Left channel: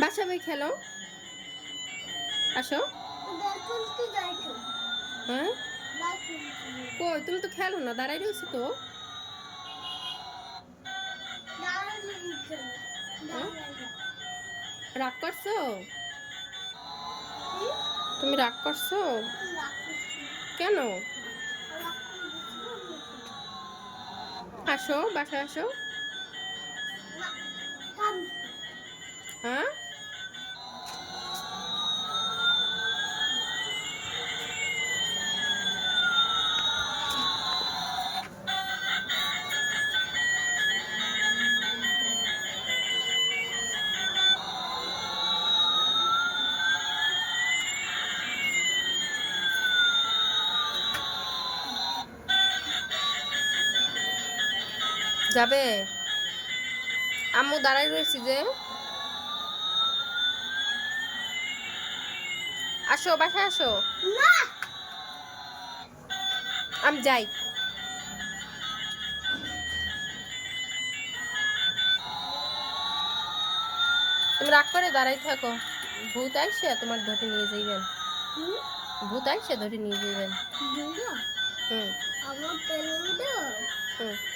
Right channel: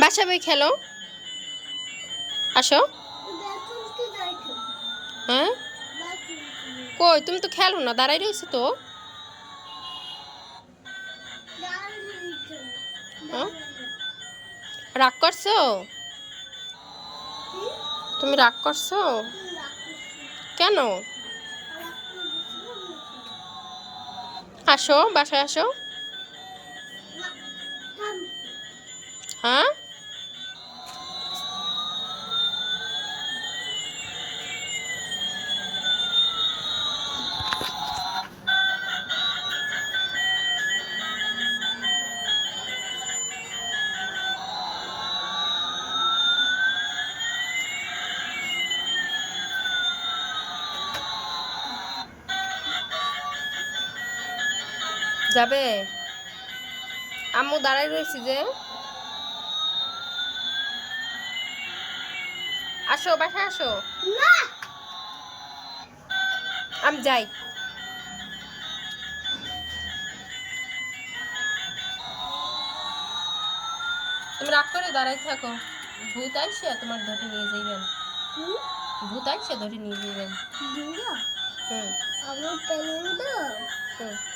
বাসা বই খেলো? আসো। হ্যাঁ? কই, তুমি তো খেলো না দাঁড়াই রয়েছো তো। হ্যাঁ? রাগ করছ? তুমি রাগ করছ? কেন? আসো, বাসায় আসো। হ্যাঁ? যাবে? আম্মু দাঁড়াই রয়েছি যে। আসো বাসায় আসো। আমি যাই। তুমি রাগ করে দাঁড়াই থাকো। ভূত আইসে তোমার ধরে নিয়ে যাইবেন। ভূত আইসে ধরে নিয়ে যাইবেন। হুম। হুম।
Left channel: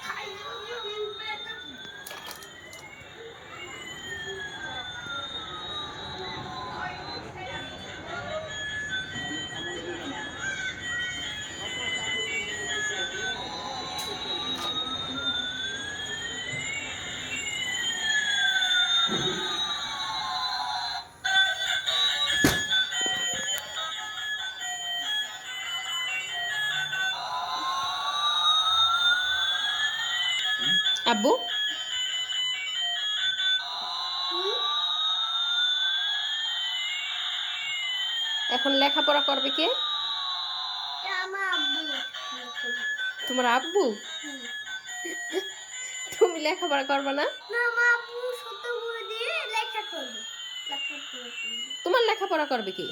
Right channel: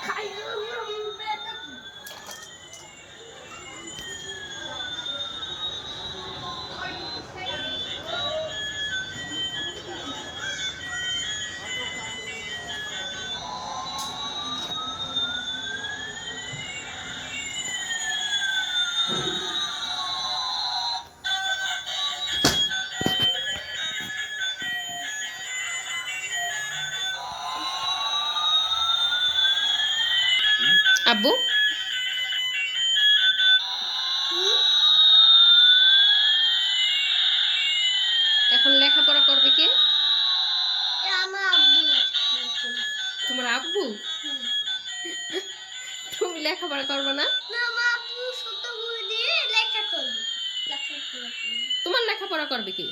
开个 আব্বু? এখন লেখাপড়া করবে কে? আমার আব্বু তোমার আব্বু? তুমি লেখাপড়া করবে না? না আমার আব্বু ছোট বই লেখা করবে তোমার লেখাপড়া করবে কি?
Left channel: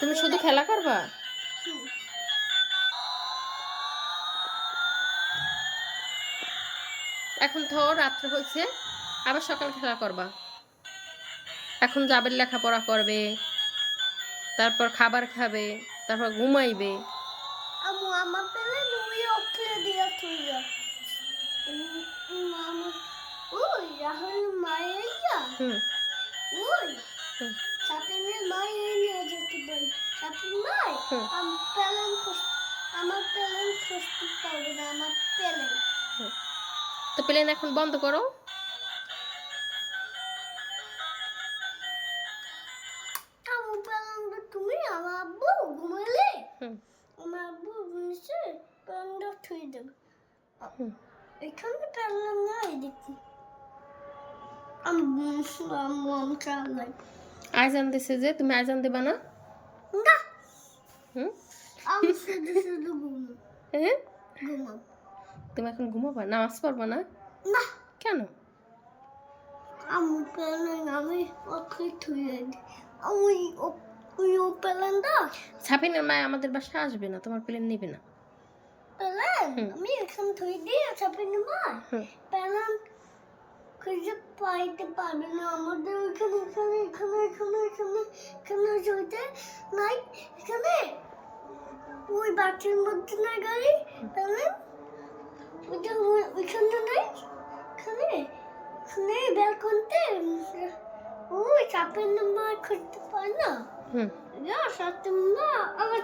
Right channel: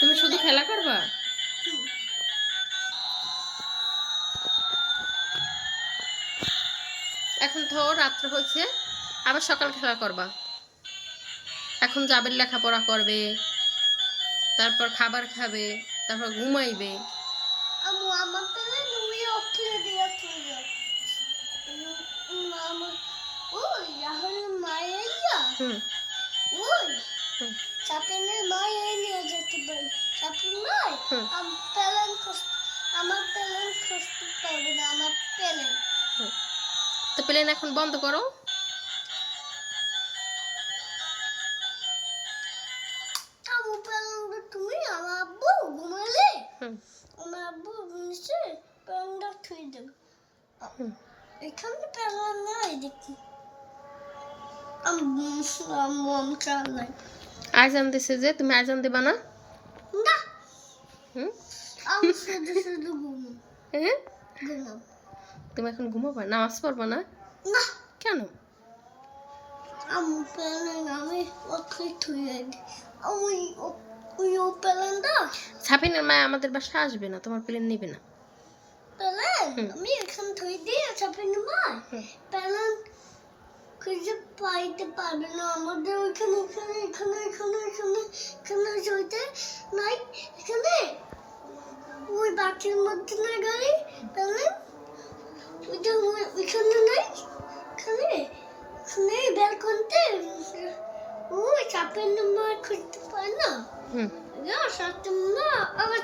তুমি শুধু খেলা করবা? এখন তো রাত্রে হয়েছে আবার সকাল খেলা করবা। এখন যাবে লেখাপড়া করবে তারপর খাবার খাবে তারপর ঘুমাইবে। আমার পেলে দুই অক্ষরে দিয়ে তুইয়া আমার ওই রাহুল মায়ের হুম। ওই হুম। যেতে হুম। আমার পেলেন আমার পেলেন খুঁজতে পারবে না আমার পেলেন। তো প্লেন এখন বন্ধ করো। তুমি আমার আব্বু ঘুমালে? আমার আব্বু নিশ্চয় পেলেনটা থুই দেবে। এখানে পেলেন নাই দেখি। আজান দিছে যে তুমি আজান দেবা না? না। হুম। আমি শুধু শুধু ঘুমাম। হ্যাঁ? ঘুমাম। তুমি এখন ঘুমাবা? নামাজ পড়বা না? না। কেন? আমি মায় আমাদের বাসায় আসবে না তোমার প্লেন নেবে না। পেলেন আমি এখানে থুই মা। পেলেন খুঁজে পাইতে পারবে না। আমাদের ওইখানে এখানে এখানে এখানে এখানে এখানে নাই। এখানে ওই বাটির মধ্যে নাই গাড়ি পেলেন ওই- ওইখানে নাই এখানে এখানে ব্যালকনিতে ওই চাপের নাম্বার খুঁজতে পারে না হুম না সাথে না আবার